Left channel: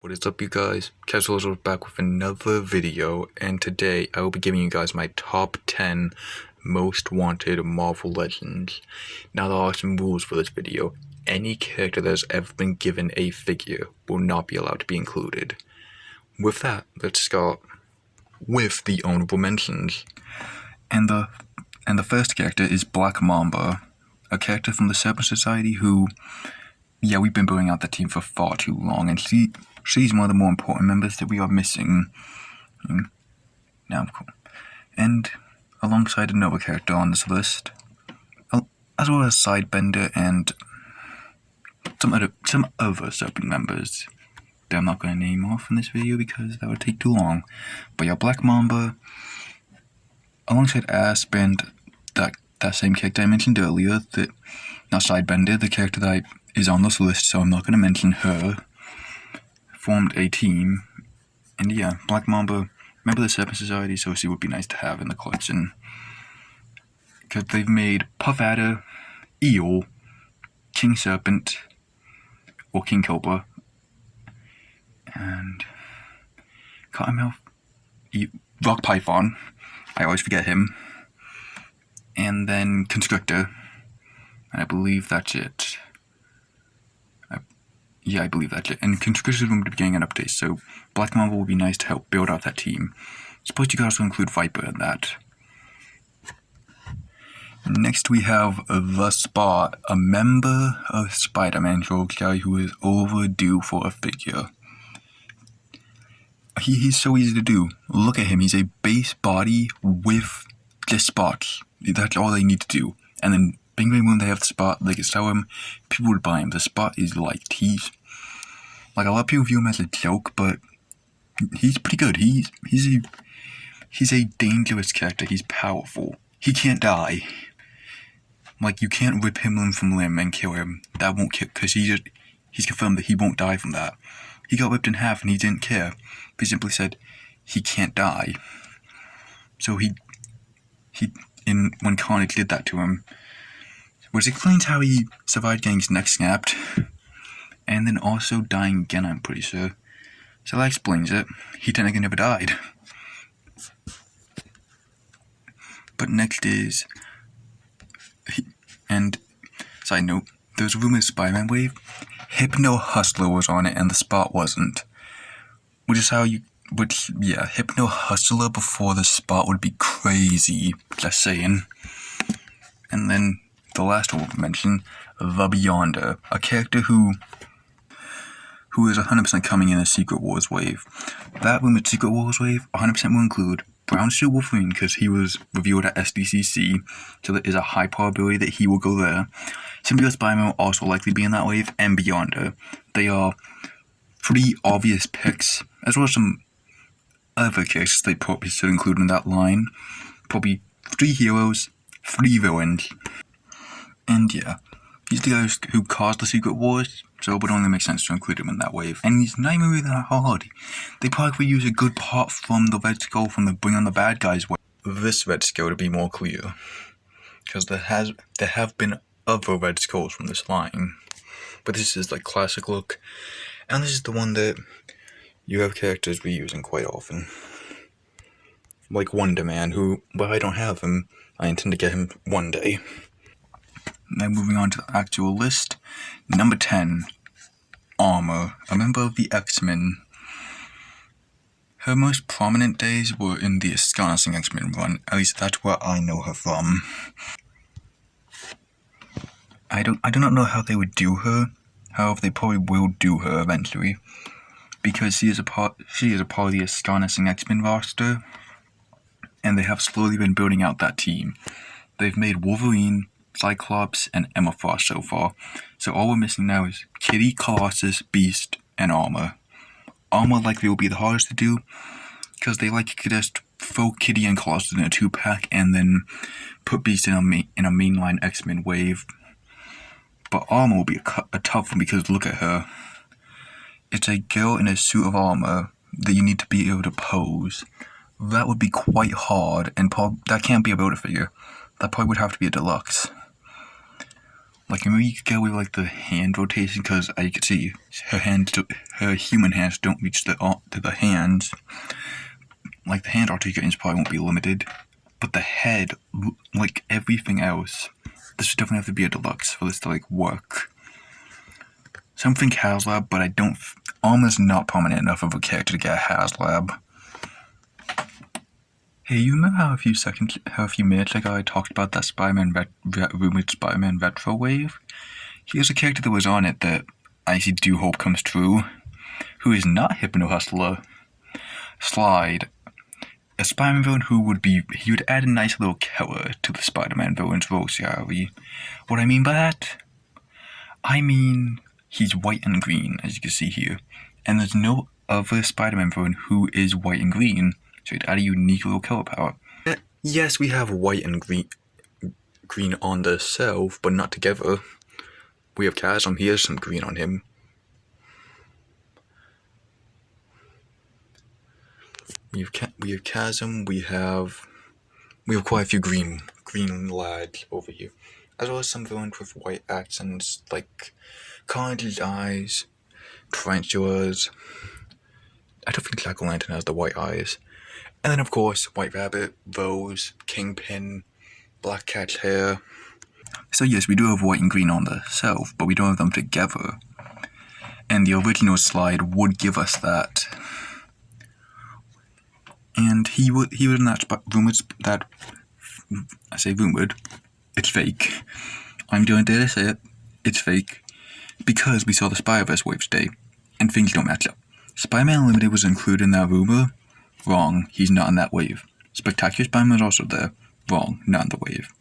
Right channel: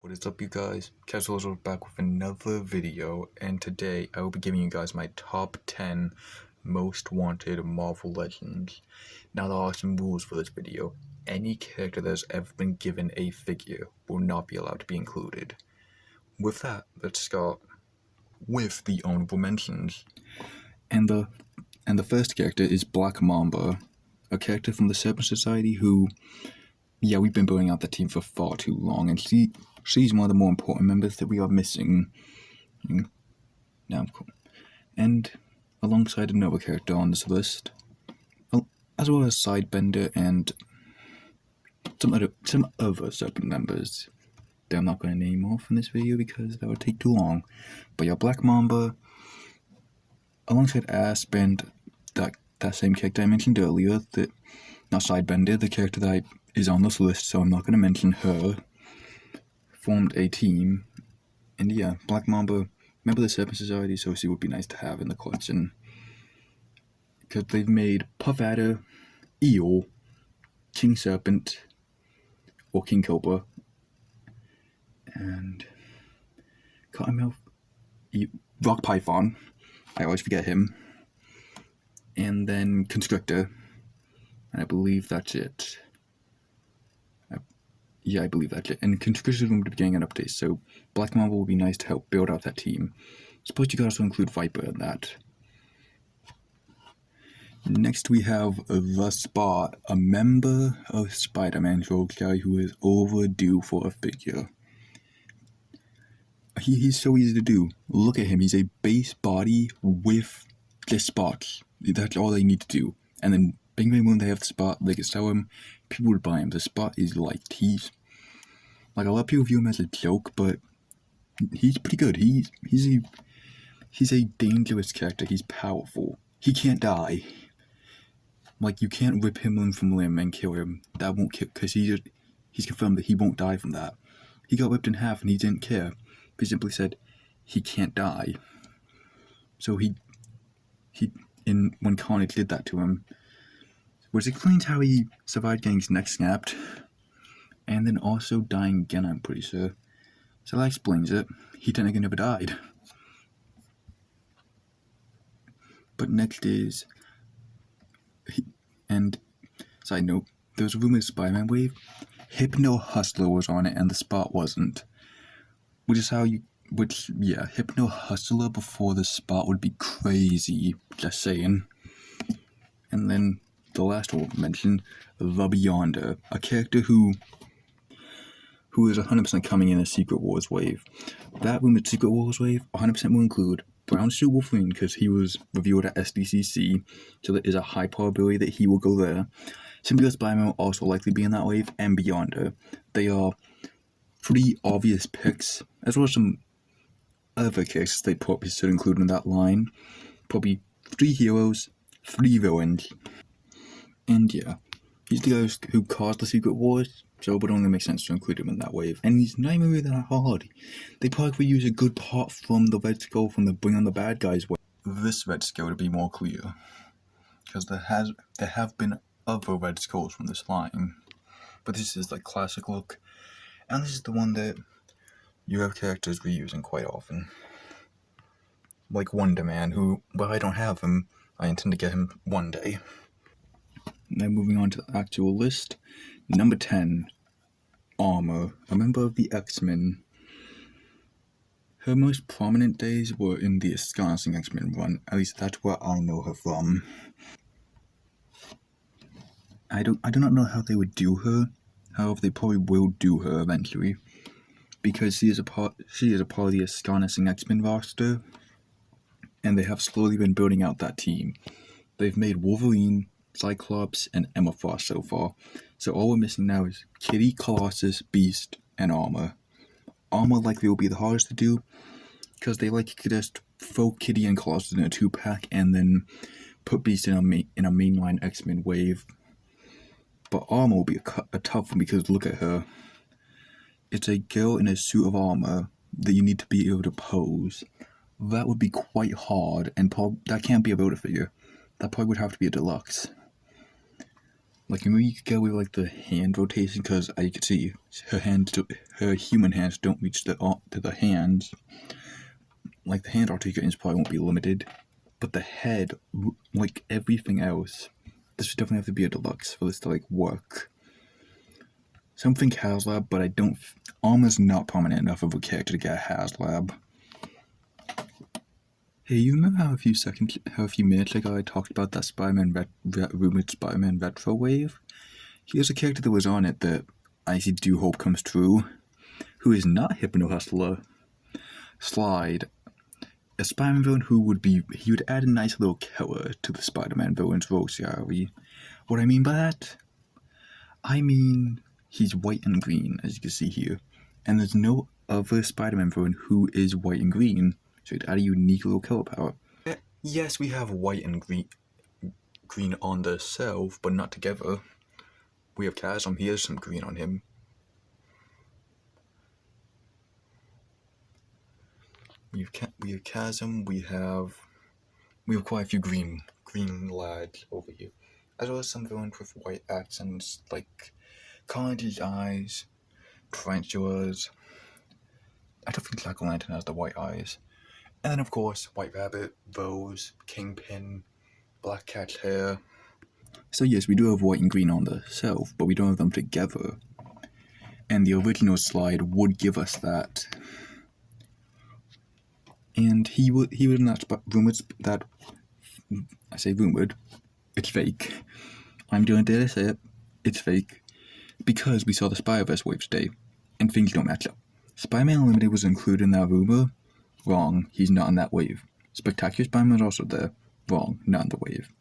What is up, you guys? Casuals are back with another video, and today I will be giving you guys my top 10 most wanted Marvel Legends. Now, there are some rules for this video. Any character that has ever been given a figure will not be allowed to be included. With that, let's start with the honorable mentions. And the first character is Black Mamba, a character from the Serpent Society who, we've been building out that team for far too long, and she's one of the more important members that we are missing. Now, cool. And alongside another character on this list, as well as Sidebender and some other Serpent members that I'm not going to name off in this video because that would take too long. But yeah, Black Mamba, alongside Asp and that same character I mentioned earlier, not Sidebender, the character that is on this list, so I'm not going to mention her, formed a team. And yeah, Black Mamba, member of the Serpent Society, so she would be nice to have in the collection. Because they've made Puff Adder, Eel, King Serpent, or King Cobra, and Cottonmouth, Rock Python, I always forget him, and then Constrictor. I believe that's it. I believe that's it. And Constrictor is going to be getting an update, so Black Mamba will be nice to help build out that team. Suppose you could also include Viper in that. Next we have The Spot, a member of SpiderMan guy who is overdue for a figure. He's so easy to do. Look at him, he's a base body with just spots. That's all they need to do. And then bing bang boom, they have the Spot, they can sell him, people would buy him. The Spot is liked. He's like, a lot of people view him as a joke, but he's pretty good. He's a dangerous character. He's powerful. He can't die. Like, you can't rip him limb from limb and kill him. That won't kill, because he's confirmed that he won't die from that. He got ripped in half and he didn't care. He simply said he can't die. So when Carnage did that to him, which explains how he survived getting his neck snapped, and then also dying again, I'm pretty sure. So that explains it. He technically never died. But next is, and side note, there's a rumor of Spider-Man Wave. Hypno Hustler was on it and the Spot wasn't. Hypno Hustler before the Spot would be crazy, just saying. And then the last one we'll mention, The Beyonder, a character who is 100% coming in a Secret Wars wave. That rumored Secret Wars wave 100% will include Brown Suit Wolverine because he was revealed at SDCC, so there is a high probability that he will go there. Symbiote Spider-Man will also likely be in that wave, and Beyonder. They are pretty obvious picks, as well as some other characters they probably should include in that line. Probably 3 heroes, 3 villains. And yeah, he's the guys who caused the Secret Wars, so it would only make sense to include him in that wave. And he's not even really that hard. They probably could use a good part from the Red Skull from the Bring on the Bad Guys wave. This Red Skull, to be more clear, because there have been other Red Skulls from this line, but this is like classic look, and this is the one that you have characters reusing quite often, like Wonder Man, who, well, I don't have him. I intend to get him one day. Now moving on to the actual list. Number 10, Armor, a member of the XMen. Her most prominent days were in the Astonishing X-Men run, at least that's where I know her from. I do not know how they would do her, however they probably will do her eventually, because she is a part of the Astonishing X-Men roster, and they have slowly been building out that team. They've made Wolverine, Cyclops, and Emma Frost so far, so all we're missing now is Kitty, Colossus, Beast, and Armor. Armor likely will be the hardest to do, because they like to just throw Kitty and Colossus in a 2-pack, and then put Beast in a mainline X-Men wave. But Armor will be a tough one, because look at her. It's a girl in a suit of armor that you need to be able to pose. That would be quite hard, and that can't be a Build-A-Figure. That probably would have to be a deluxe. Like, maybe you could get away with, like, the hand rotation, because as you can see, her human hands don't reach to the hands. Like, the hand articulations probably won't be limited, but the head, like everything else, this would definitely have to be a deluxe for this to, like, work. Something HasLab, but I don't, almost not prominent enough of a character to get a HasLab. Hey, you remember how a few minutes ago I talked about that rumored SpiderMan retro wave? Here's a character that was on it that I actually do hope comes true, who is not Hypno Hustler. Slide. A Spider-Man villain he would add a nice little color to the Spider-Man villain's rose gallery. What I mean by that? I mean, he's white and green, as you can see here, and there's no other Spider-Man villain who is white and green, so he'd add a unique little color palette. Yes, we have white and green on the self, but not together. We have Chasm, he has some green on him. We have Chasm, we have quite a few green lads over here. As well as some villains with white accents, like Carnage's eyes, Tarantulas. I don't think Jack-o'-lantern has the white eyes. And then, of course, White Rabbit, Rose, Kingpin, Black Cat's hair. So yes, we do have white and green on the self, but we don't have them together. And the original slide would give us that. And he would not rumored that, I say rumored, it's fake. I'm doing dare to say it, it's fake. Because we saw the Spider-Verse wave today, and things don't match up. Spider-Man Unlimited was included in that rumor. Wrong, he's not in that wave. Spectacular Spider-Man is also there. Wrong, not in the wave.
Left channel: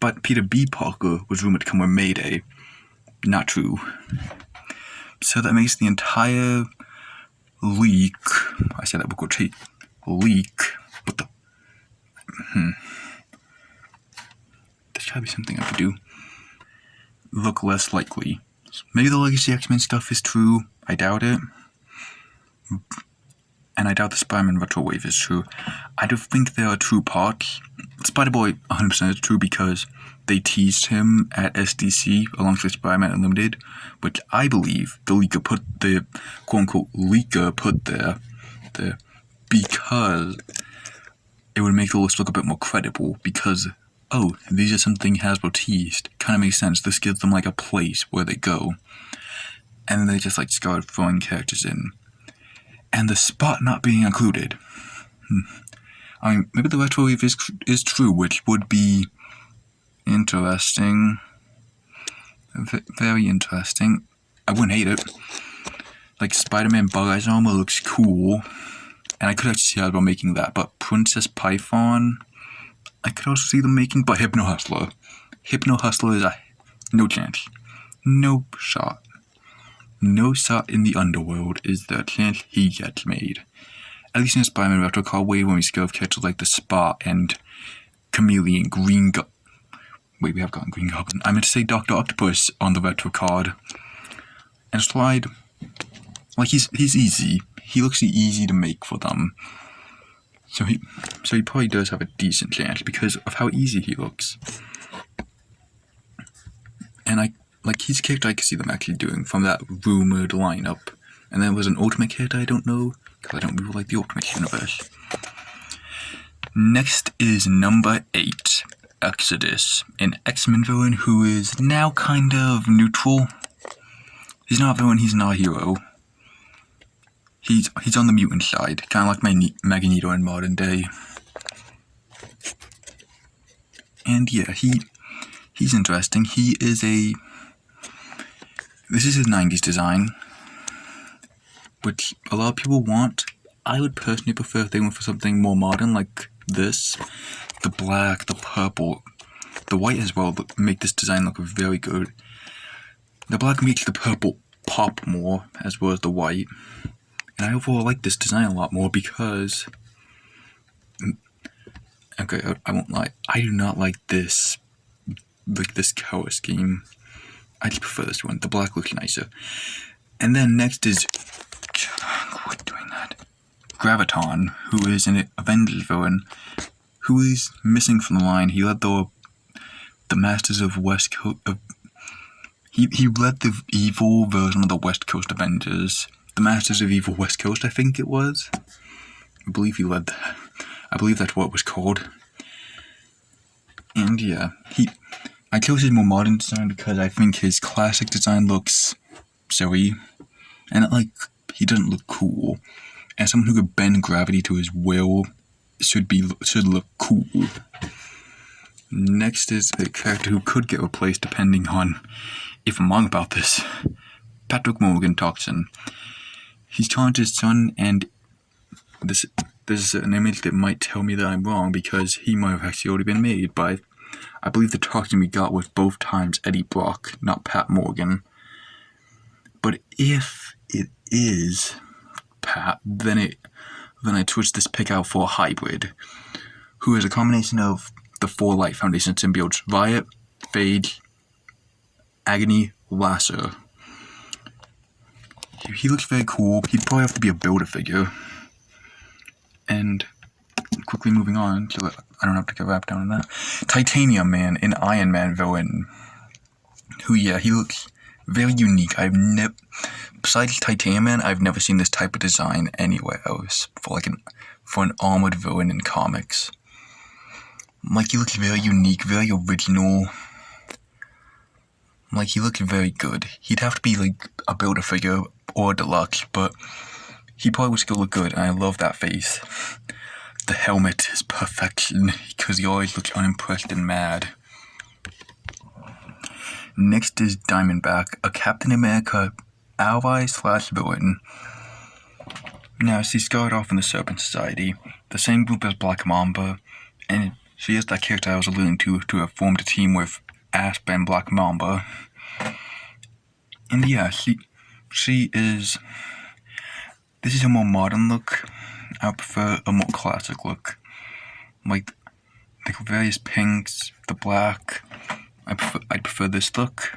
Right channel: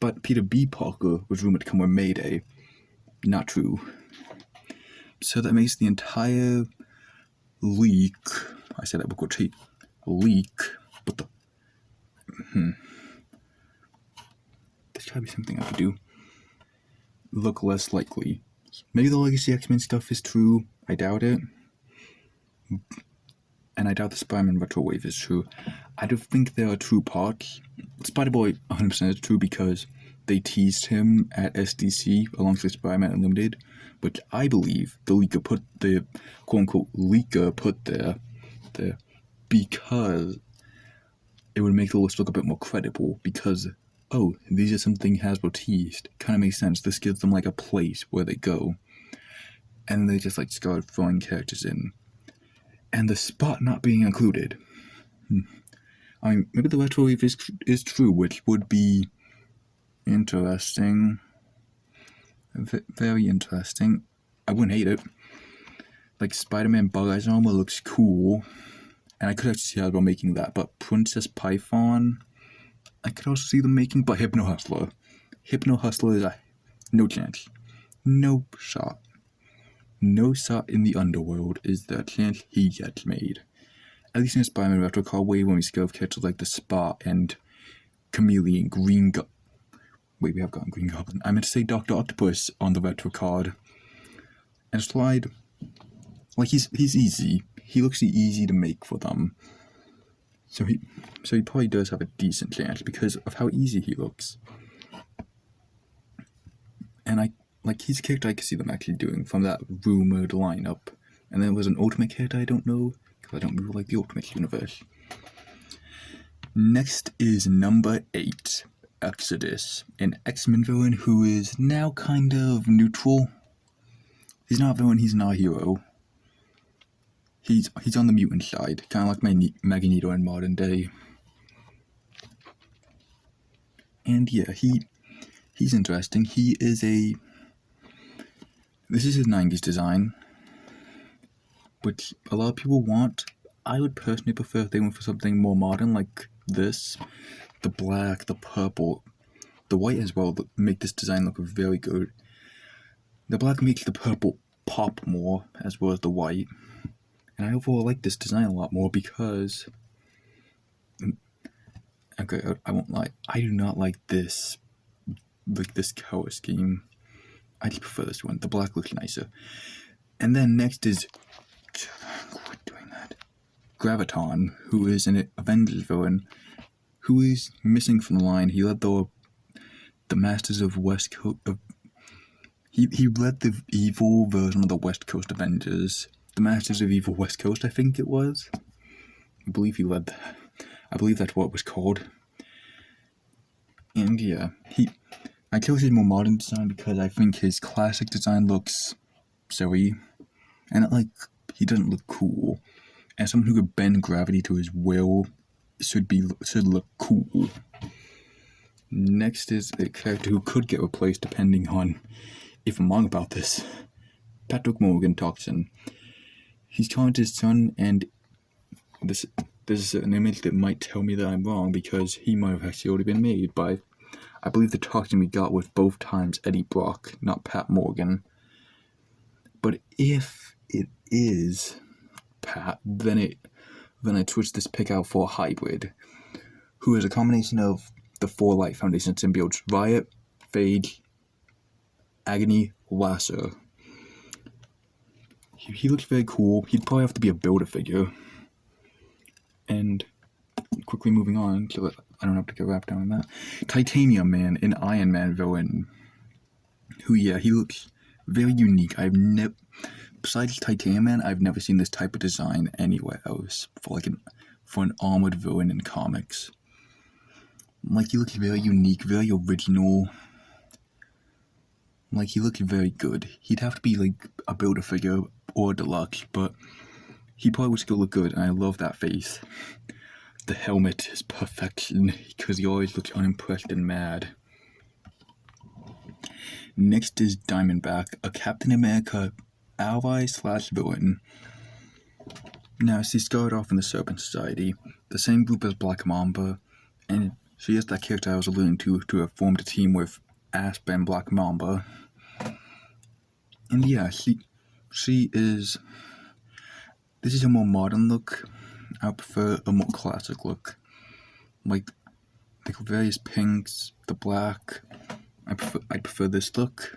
But Peter B. Parker was rumored to come with Mayday. Not true. So that makes the entire leak, I said that with quote, leak, but there's gotta be something I could do. Look less likely. Maybe the Legacy X-Men stuff is true. I doubt it. And I doubt the Spider-Man retro wave is true. I don't think there are true parts. Spider-Boy 100% is true because they teased him at SDC alongside Spider-Man Unlimited, which I believe the leaker put the quote-unquote leaker put there because it would make the list look a bit more credible because, oh, these are something Hasbro teased. Kind of makes sense. This gives them like a place where they go. And then they just like started throwing characters in. And the spot not being included. I mean, maybe the retro wave is true, which would be interesting. Very interesting. I wouldn't hate it. Like, Spider-Man Bug Eyes armor looks cool. And I could actually see Hasbro making that. But Princess Python, I could also see them making. But Hypno Hustler. Hypno Hustler is no chance. No shot. No shot in the underworld is the chance he gets made. At least in Spider-Man Retro Card Wave, when we scale of characters like the Spot and Chameleon, Wait, we have gotten Green Goblin. I meant to say Dr. Octopus on the Retro Card. And Slide, like he's easy. He looks easy to make for them. So he probably does have a decent chance because of how easy he looks. And he's a character I could see them actually doing from that rumored lineup. And there was an Ultimate character I don't know, because I don't really like the Ultimate universe. Next is number 8, Exodus, an X-Men villain who is now kind of neutral. He's not a villain, he's not a hero. He's on the mutant side, kind of like Magneto in modern day. And yeah, he's interesting. This is his 90s design, which a lot of people want. I would personally prefer if they went for something more modern like this. The black, the purple, the white as well make this design look very good. The black makes the purple pop more as well as the white. And I overall like this design a lot more because, okay, I won't lie, I do not like this color scheme. I just prefer this one. The black looks nicer. And then next is quit doing that. Graviton, who is an Avengers villain, who is missing from the line. He led the Masters of West Coast. He led the evil version of the West Coast Avengers. The Masters of Evil West Coast, I think it was. I believe he led that. I believe that's what it was called. And yeah, I chose his more modern design because I think his classic design looks silly. And he doesn't look cool. And someone who could bend gravity to his will should look cool. Next is a character who could get replaced depending on if I'm wrong about this. Patrick Morgan Toxin. He's challenged his son, and this is an image that might tell me that I'm wrong because he might have actually already been made by, I believe the Toxin we got was both times Eddie Brock, not Pat Morgan. But if it is Pat, then I switch this pick out for a hybrid, who is a combination of the 4 Light Foundation symbiotes: Riot, Phage, Agony, Lasser. He looks very cool. He'd probably have to be a Build-A-Figure. And quickly moving on, so I don't have to get wrapped down in that. Titanium Man, an Iron Man villain. He looks very unique. Besides Titanium Man, I've never seen this type of design anywhere else for an armored villain in comics. He looks very unique, very original. He looks very good. He'd have to be a Build-A-Figure or a deluxe, but he probably would still look good, and I love that face. The helmet is perfection, because he always looks unimpressed and mad. Next is Diamondback, a Captain America ally/villain. Now, she started off in the Serpent Society, the same group as Black Mamba, and she is that character I was alluding to have formed a team with Asp and Black Mamba. And yeah, she is... This is a more modern look. I prefer a more classic look. The various pinks, the black. I prefer this look.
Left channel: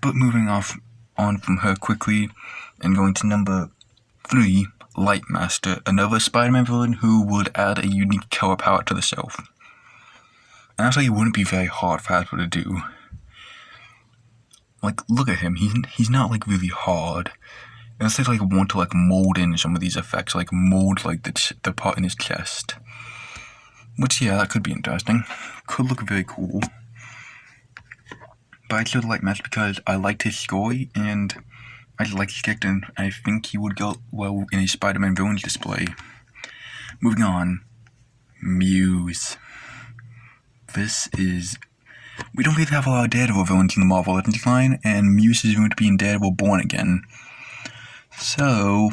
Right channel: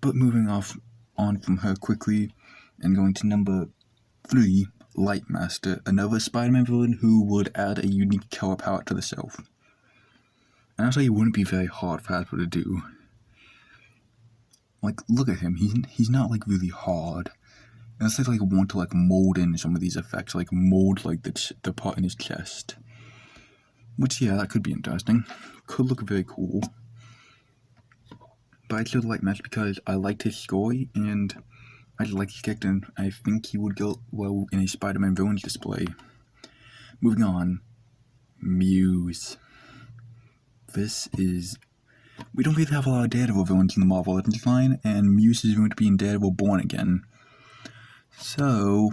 But moving on from her quickly and going to number 3, Lightmaster, another SpiderMan villain who would add a unique color palette to the self. And actually, it wouldn't be very hard for Hasbro to do. Look at him. He's not really hard. Unless they want to mold in some of these effects, mold the part in his chest. Which that could be interesting. Could look very cool. But I chose Lightmaster because I liked his story and I like his character, and I think he would go well in a Spider-Man villains display. Moving on, Muse. We don't really have a lot of Daredevil villains in the Marvel Legends line, and Muse is going to be in Daredevil Born Again. So,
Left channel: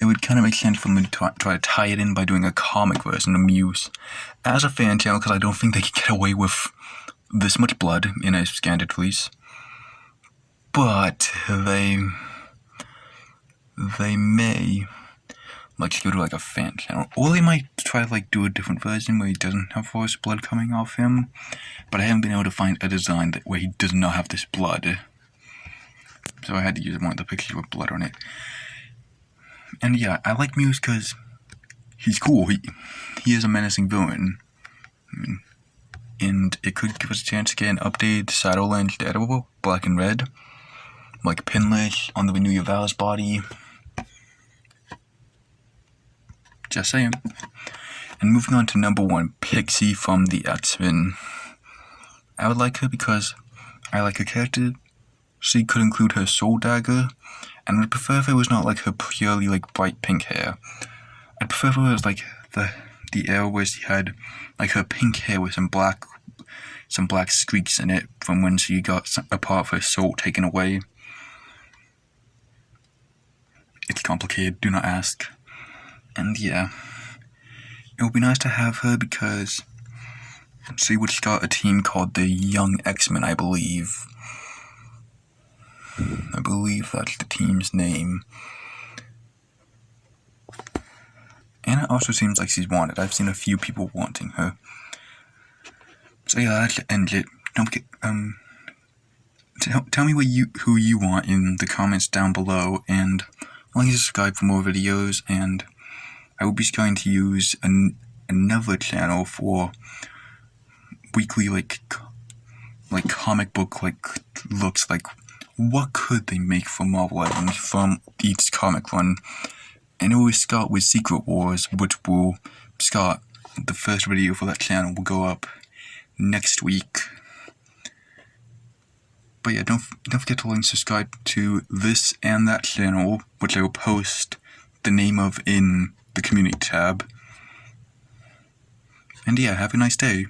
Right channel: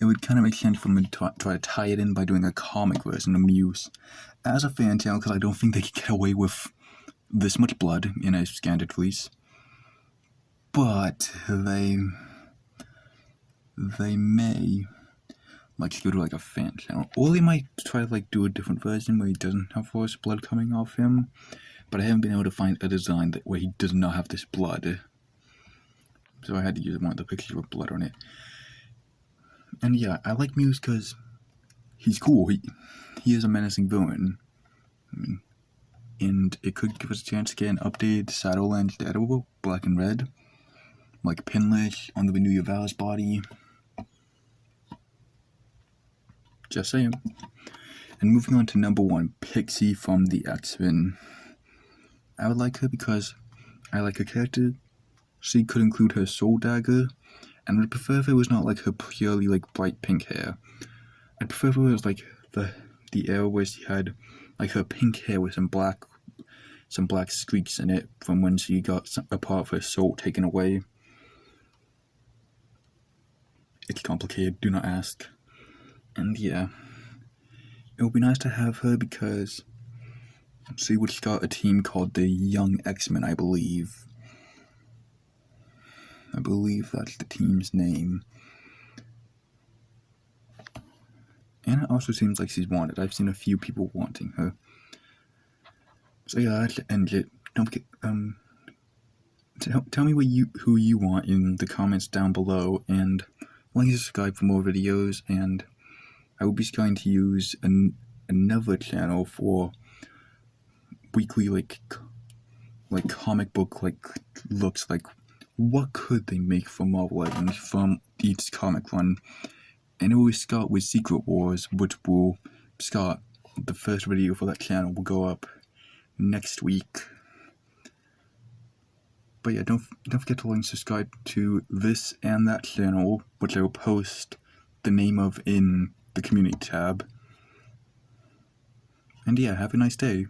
it would kind of make sense for me to try to tie it in by doing a comic version of Muse as a fan channel, because I don't think they could get away with this much blood in a standard release. But they may go to a fan channel, or they might try to do a different version where he doesn't have force blood coming off him. But I haven't been able to find a design where he does not have this blood, so I had to use one of the pictures with blood on it. And yeah, I like Muse because he's cool. He is a menacing villain, and it could give us a chance to get an updated Shadowlands Daredevil, black and red, pinless on the Renew Your Vows body. Just saying. And moving on to number 1, Pixie from the XMen. I would like her because I like her character. She could include her soul dagger, and I'd prefer if it was not her purely bright pink hair. I'd prefer if it was the era where she had her pink hair with some black streaks in it from when she got a part of her soul taken away. It's complicated, do not ask. And yeah, it would be nice to have her because she would start a team called the Young XMen, I believe. I believe that's the team's name. And it also seems like she's wanted. I've seen a few people wanting her. So yeah, that's the end of it. Don't get, tell me who you want in the comments down below, and like and subscribe for more videos, and I will be trying to use another channel for weekly like comic book looks like. What could they make from Marvel Legends from each comic run? And it will start with Secret Wars, which will start. The first video for that channel will go up next week. But yeah, don't forget to like and subscribe to this and that channel, which I will post the name of in the community tab. And yeah, have a nice day.